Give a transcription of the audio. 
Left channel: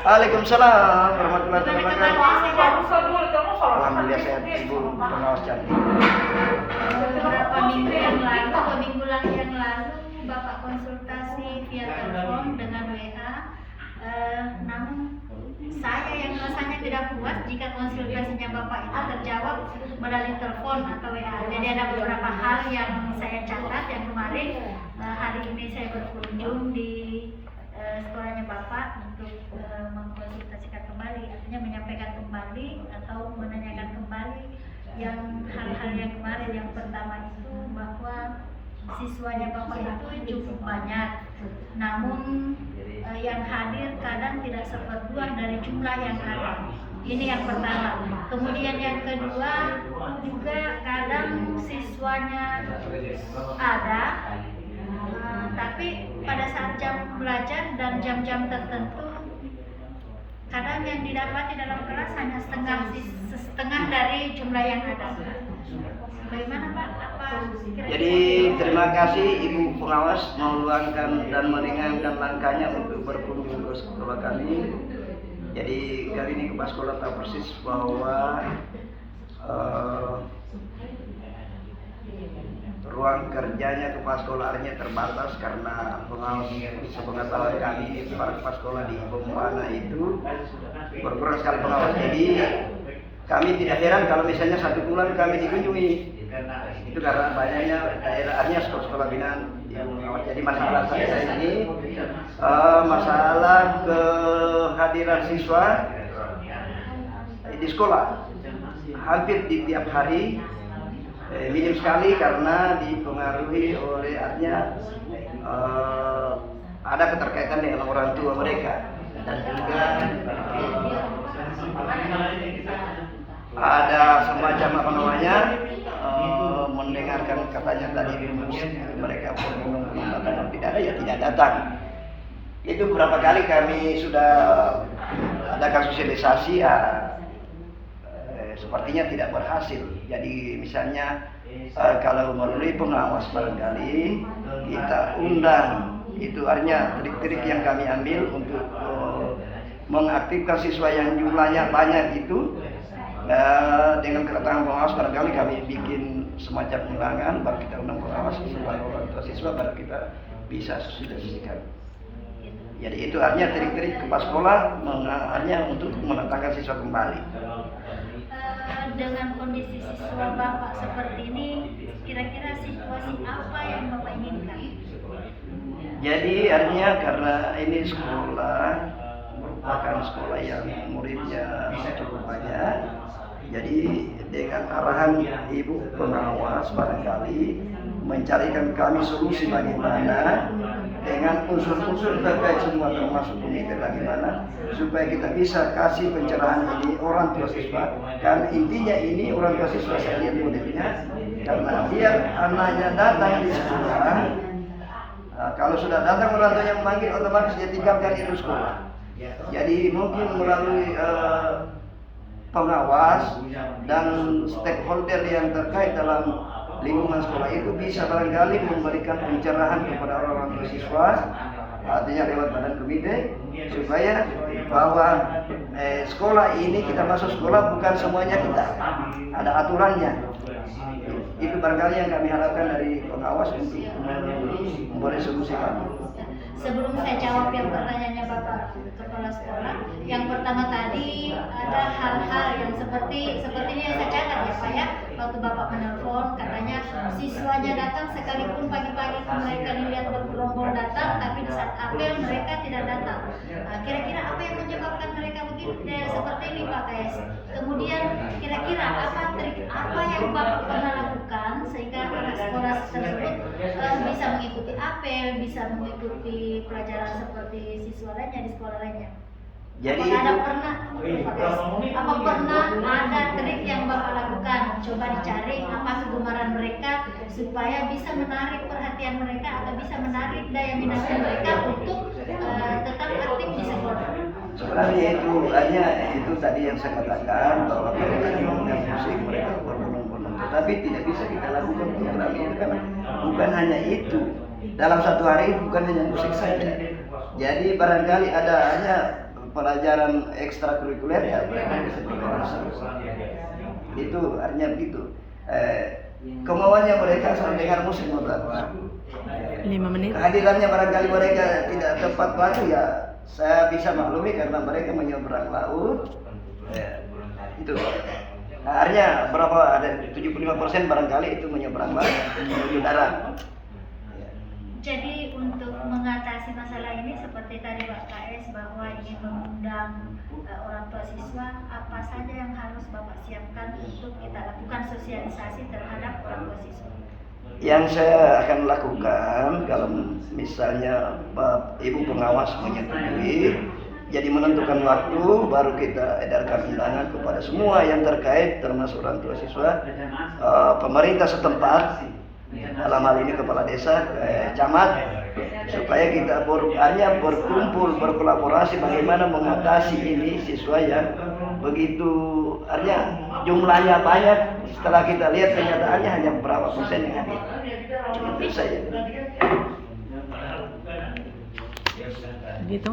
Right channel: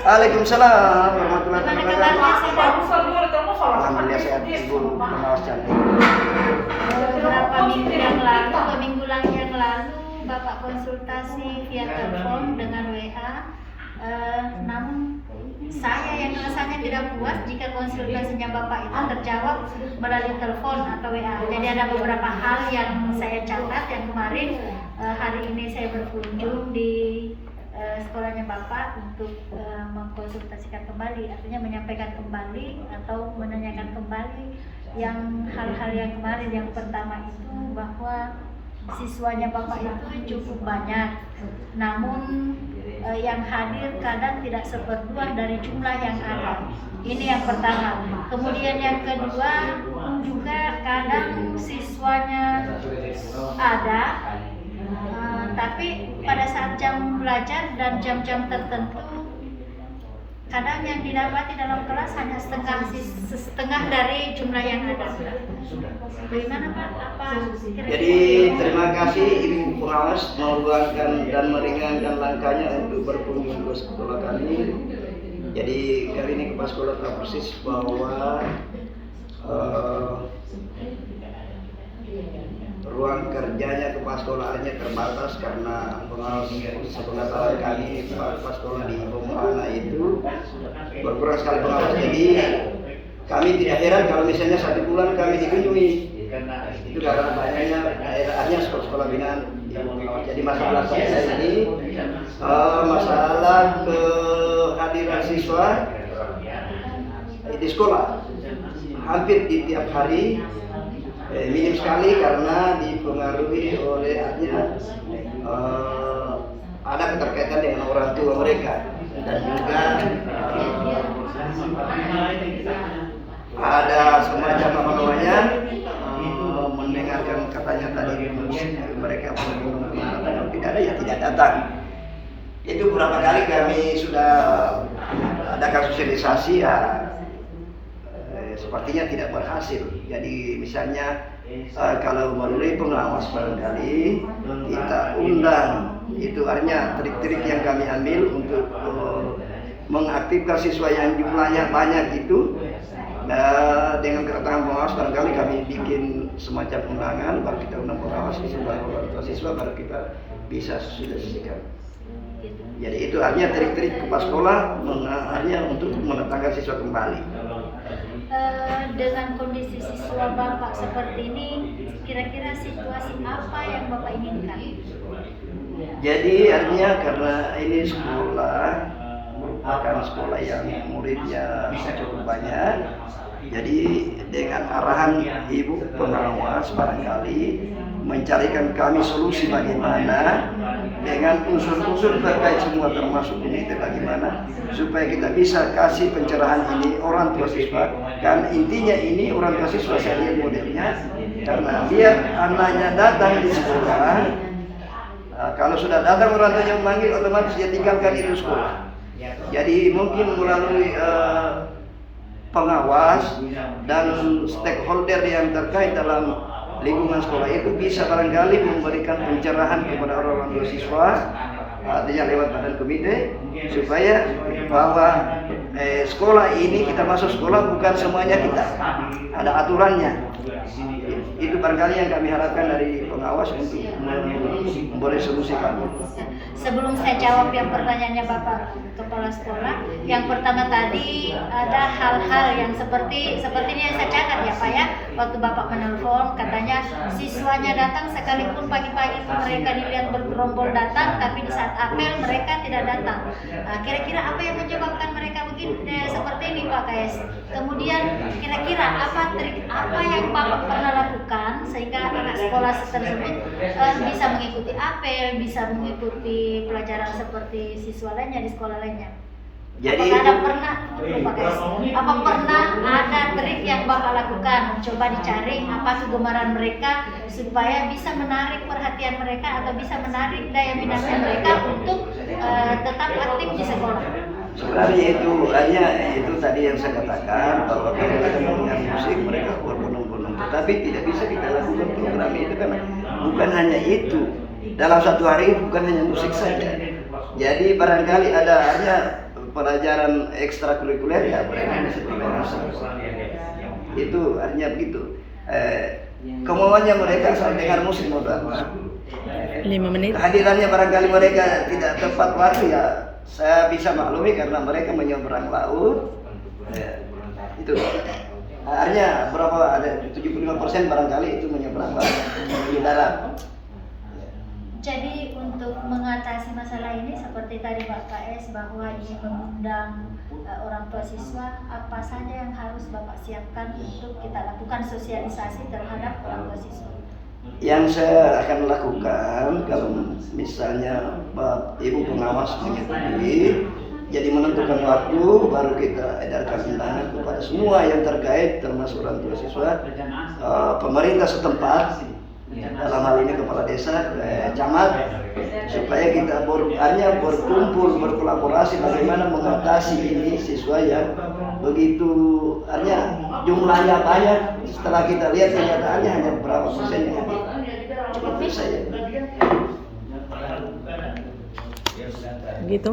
Waalaikumsalam warahmatullahi Gimana kabarnya, wabarakatuh. sehat? Alhamdulillah sehat, Ibu pengawas cantik. Beberapa minggu yang lalu, 2 minggu lagi yang lalu, Bapak konsultasi via telepon dengan WA. Namun saya yang rasanya tidak puas jika konsultasinya Bapak itu terjawab melalui telepon atau WA. Jadi ada beberapa hal yang saya catat yang kemarin hari ini saya berkunjung di sekolahnya Bapak untuk mengkonsultasikan kembali, artinya menyampaikan kembali atau menanyakan kembali yang hal-hal yang kemarin. Yang pertama itu bahwa siswanya Bapak itu cukup banyak, namun yang hadir kadang tidak seperempat dari jumlah yang ada. Ini yang pertama. Kemudian yang kedua juga kadang siswanya ada, tapi pada saat jam belajar dan jam-jam tertentu kadang yang didapati dalam kelas hanya setengah dari jumlah yang ada. Bagaimana Pak? Apa kira-kira? Jadi terima kasih Ibu pengawas meluangkan dan meringankan langkahnya untuk berkunjung ke sekolah kami. Jadi kali ini kepala sekolah tahu persis bahwa ruang kerjanya kepala sekolah artinya terbatas karena pengawas sepengetahuan kami kepala sekolah di Bombana itu berkurang sekali pengawas. Jadi kami tidak heran kalau misalnya 1 bulan kami dikunjungi, itu karena banyaknya daerahnya sekolah-sekolah binaan Ibu pengawas. Jadi masalah saya ini masalah kehadiran siswa di sekolah hampir di tiap hari minim sekali karena dipengaruhi oleh artinya ada keterkaitan dengan orang tua mereka dan juga ada semacam apa namanya mendengarkan katanya tadi mereka tidak ada ya tidak datang. Itu beberapa kali kami sudah adakan sosialisasi ya, sepertinya tidak berhasil. Jadi misalnya kalau melalui pengawas barangkali kita undang, itu artinya trik-trik yang kami ambil untuk mengaktifkan siswa yang jumlahnya banyak itu. Dengan kedatangan pengawas barangkali kami bikin semacam undangan, baru kita undang pengawas supaya orang tua siswa baru kita bisa sosialisasikan. Jadi itu artinya trik-trik kepala sekolah artinya untuk mendatangkan siswa kembali. Dengan kondisi siswa Bapak seperti ini, kira-kira situasi apa yang Bapak inginkan? Jadi artinya karena ini sekolah merupakan sekolah yang muridnya cukup banyak. Jadi dengan arahan Ibu pengawas barangkali mencarikan kami solusi bagaimana dengan unsur-unsur terkait semua termasuk komite bagaimana supaya kita bisa kasih pencerahan ini orang tua siswa. Dan intinya ini orang tua siswa saya lihat modelnya karena biar anaknya datang di sekolah, kalau sudah datang orang tuanya memanggil otomatis dia tinggalkan itu sekolah. Jadi mungkin melalui pengawas dan stakeholder yang terkait dalam lingkungan sekolah itu bisa barangkali memberikan pencerahan kepada orang tua siswa, artinya lewat badan komite, supaya bahwa sekolah ini kita masuk sekolah bukan semuanya kita, ada aturannya. Itu barangkali yang kami harapkan dari pengawas untuk memberi solusi kami. Sebelum saya jawab yang pertanyaannya Bapak Kepala Sekolah, yang pertama tadi ada hal-hal yang sepertinya yang saya catat ya Pak ya. Waktu Bapak menelpon katanya siswanya datang sekalipun pagi-pagi mereka dilihat bergerombol datang, tapi di saat apel mereka tidak datang. Kira-kira apa yang menyebabkan mereka begini seperti ini Pak KS? Kemudian kira-kira apa trik apa yang Bapak pernah lakukan sehingga anak sekolah tersebut bisa mengikuti apel, bisa mengikuti pelajaran seperti siswa lainnya di sekolah lainnya? Jadi apa pernah ada trik yang Bapak lakukan? Coba dicari apa kegemaran mereka supaya bisa menarik perhatian mereka atau bisa menarik daya minat mereka untuk tetap aktif di sekolah. Sebenarnya itu hanya itu tadi yang saya katakan bahwa kalau mereka mendengar musik mereka berbondong-bondong, tetapi tidak bisa kita lakukan program itu kan bukan hanya itu. Dalam satu hari bukan hanya musik saja. Jadi barangkali ada hanya pelajaran ekstrakurikuler ya mereka bisa berkontribusi. Itu artinya begitu. Kemauannya mereka asal dengar musik modal. 5 menit. Kehadirannya barangkali mereka tidak tepat waktu ya, saya bisa maklumi karena mereka menyeberang laut. Ya, itu. Nah, artinya berapa, ada 75% barangkali itu menyeberang laut menuju darat. Jadi untuk mengatasi masalah ini seperti tadi Pak KS bahwa ingin mengundang orang tua siswa, apa saja yang harus Bapak siapkan untuk kita lakukan sosialisasi terhadap orang tua siswa? Yang saya akan lakukan kalau misalnya Ibu pengawas menyetujui, jadi menentukan waktu baru kita edarkan undangan kepada semua yang terkait termasuk orang tua siswa, pemerintah setempat, dalam hal ini kepala desa, camat, supaya kita berkumpul berkolaborasi bagaimana mengatasi ini siswa yang begitu artinya jumlahnya banyak, setelah kita lihat kenyataannya hanya berapa persen yang hadir. Itu saja. Gitu.